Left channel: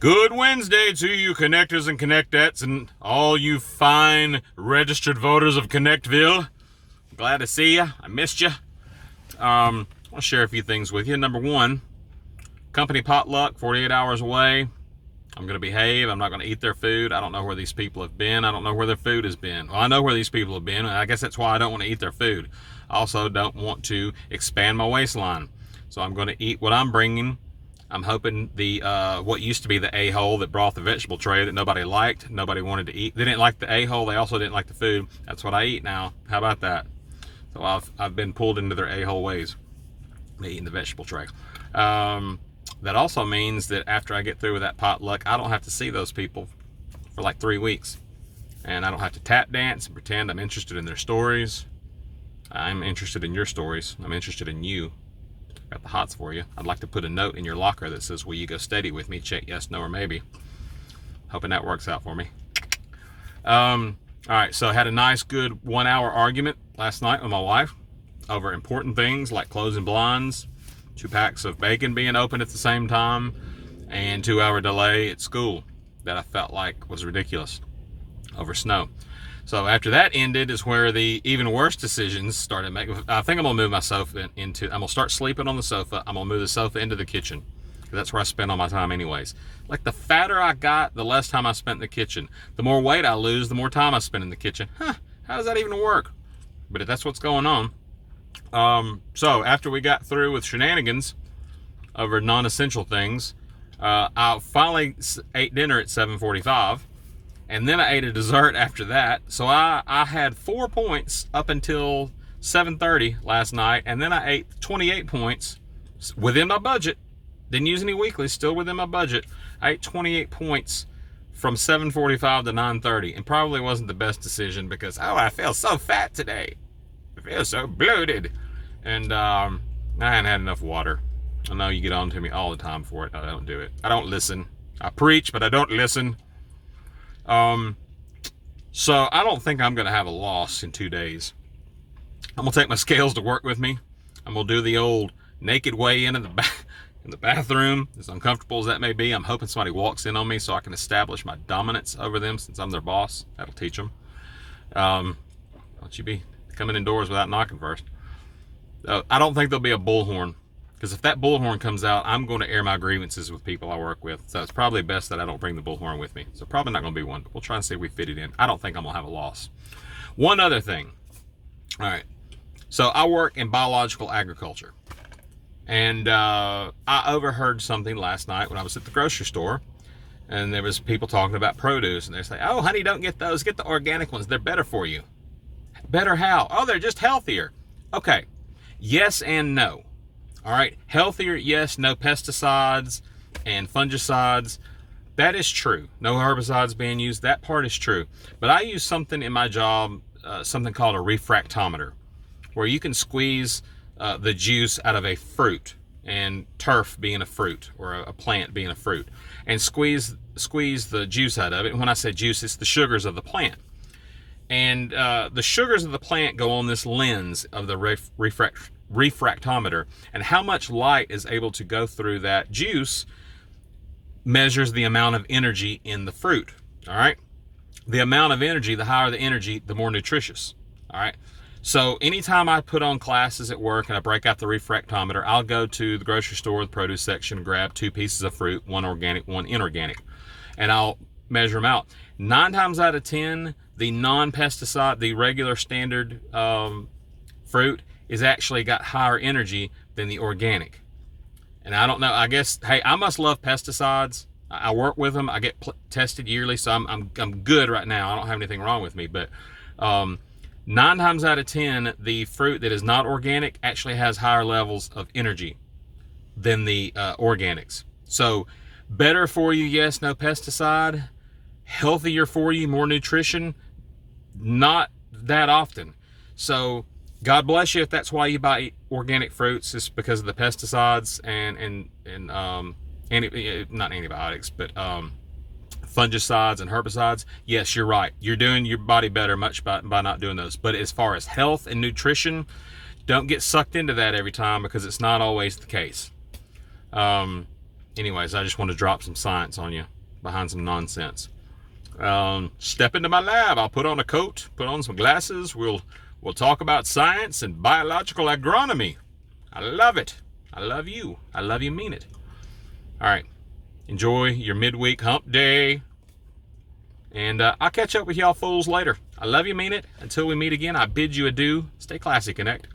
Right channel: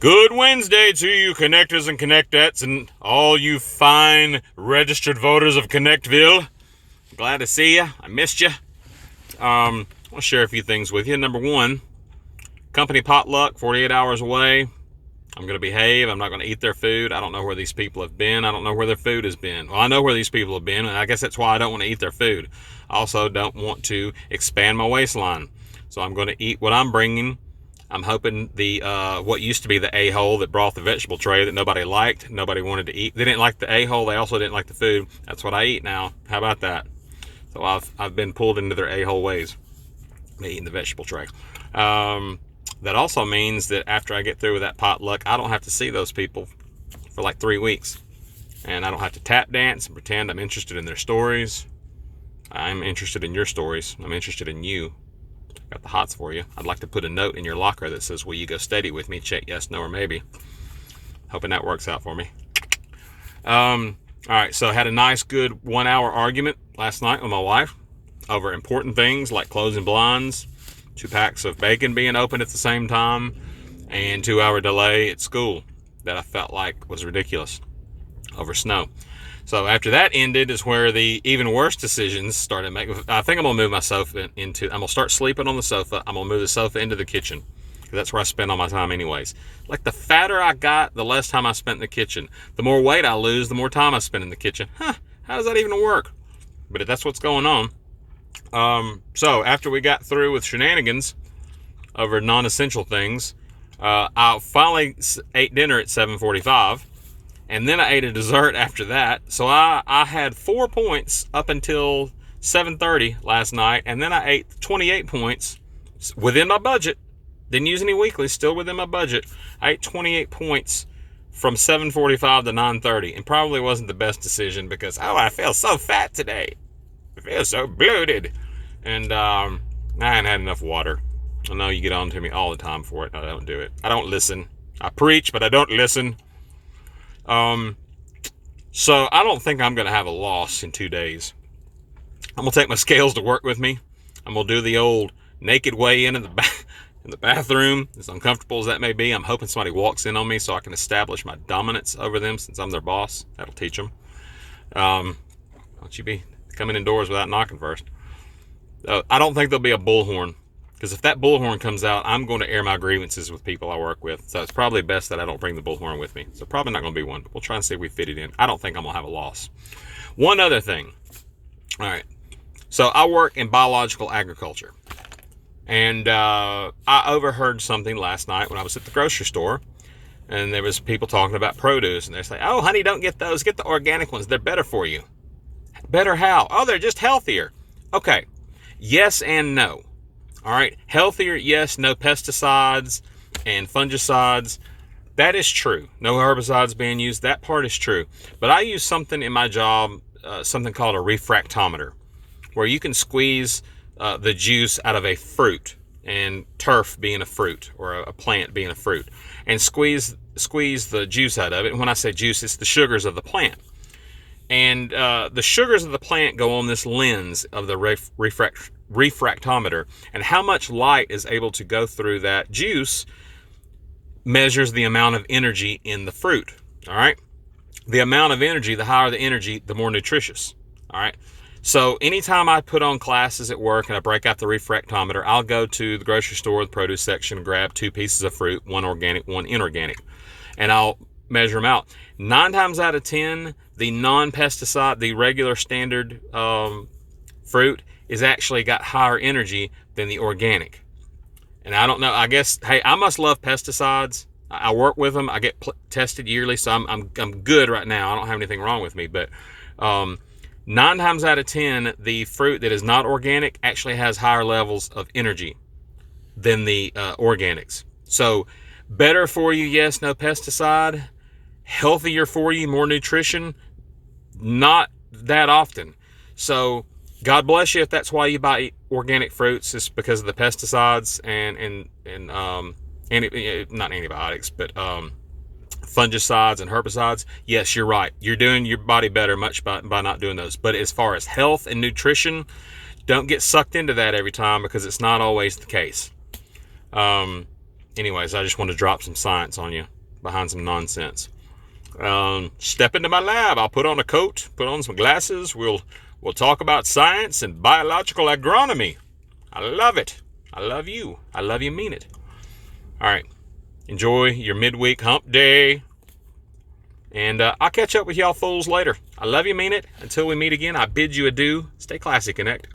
Good Wednesday to you, connectors and connectettes, and all you fine registered voters of Connectville. Glad to see you. I missed you. I want to share a few things with you. Number one, company potluck, 48 hours away. I'm going to behave. I'm not going to eat their food. I don't know where these people have been. I don't know where their food has been. Well, I know where these people have been, and I guess that's why I don't want to eat their food. I also don't want to expand my waistline. So I'm going to eat what I'm bringing. I'm hoping the what used to be the a-hole that brought the vegetable tray that nobody liked, nobody wanted to eat. They didn't like the a-hole. They also didn't like the food. That's what I eat now. How about that? So I've been pulled into their a-hole ways, me eating the vegetable tray. That also means that after I get through with that potluck, I don't have to see those people for like 3 weeks, and I don't have to tap dance and pretend I'm interested in their stories. I'm interested in your stories. I'm interested in you. Got the hots for you. I'd like to put a note in your locker that says, will you go steady with me? Check yes, no, or maybe. Hoping that works out for me. All right, so I had a nice, good 1 hour argument last night with my wife over important things like closing blinds, 2 packs of bacon being open at the same time, and 2 hour delay at school that I felt like was ridiculous over snow. So after that ended is where the even worse decisions started making. I think I'm gonna move my sofa into. I'm gonna start sleeping on the sofa. I'm gonna move the sofa into the kitchen because that's where I spend all my time anyways. Like the fatter I got, the less time I spent in the kitchen. The more weight I lose, the more time I spend in the kitchen. How does that even work? But that's what's going on. So after we got through with shenanigans over non-essential things, I finally ate dinner at 7:45. And then I ate a dessert after that. So I had 4 points up until 7:30 last night. And then I ate 28 points within my budget. Didn't use any weeklies, still within my budget. I ate 28 points from 7:45 to 9:30. And probably wasn't the best decision because, I feel so fat today. I feel so bloated. And I hadn't had enough water. I know you get on to me all the time for it. I don't do it. I don't listen. I preach, but I don't listen. So I don't think I'm going to have a loss in 2 days. I'm going to take my scales to work with me. I'm going to do the old naked weigh in the bathroom, as uncomfortable as that may be. I'm hoping somebody walks in on me so I can establish my dominance over them since I'm their boss. That'll teach them. Don't you be coming indoors without knocking first. I don't think there'll be a bullhorn. Because if that bullhorn comes out, I'm going to air my grievances with people I work with. So it's probably best that I don't bring the bullhorn with me. So probably not going to be one, but we'll try and see if we fit it in. I don't think I'm going to have a loss. One other thing. All right. So I work in biological agriculture. And I overheard something last night when I was at the grocery store. And there was people talking about produce. And they say, oh, honey, don't get those. Get the organic ones. They're better for you. Better how? Oh, they're just healthier. Okay. Yes and no. All right, healthier, yes, no pesticides and fungicides. That is true. No herbicides being used. That part is true. But I use something in my job, something called a refractometer, where you can squeeze the juice out of a fruit, and turf being a fruit or a plant being a fruit, and squeeze the juice out of it. And when I say juice, it's the sugars of the plant. And the sugars of the plant go on this lens of the refractometer, and how much light is able to go through that juice measures the amount of energy in the fruit. All right, the amount of energy, the higher the energy, the more nutritious. All right, so anytime I put on classes at work and I break out the refractometer, I'll go to the grocery store, the produce section, and grab 2 pieces of fruit, one organic, one inorganic, and I'll measure them out. 9 times out of 10, the non-pesticide, the regular standard fruit is actually got higher energy than the organic. And I don't know, I guess, hey, I must love pesticides. I work with them. I get tested yearly, so I'm good right now. I don't have anything wrong with me. But 9 times out of 10, the fruit that is not organic actually has higher levels of energy than the organics. So better for you, yes, no pesticide. Healthier for you, more nutrition, not that often. So God bless you if that's why you buy organic fruits, is because of the pesticides and not antibiotics, but fungicides and herbicides. Yes, you're right. You're doing your body better much by not doing those. But as far as health and nutrition, don't get sucked into that every time, because it's not always the case. Anyways, I just want to drop some science on you behind some nonsense. Step into my lab. I'll put on a coat, put on some glasses. We'll talk about science and biological agronomy. I love it. I love you. I love you, mean it. All right. Enjoy your midweek hump day. And I'll catch up with y'all fools later. I love you, mean it. Until we meet again, I bid you adieu. Stay classy, Connect.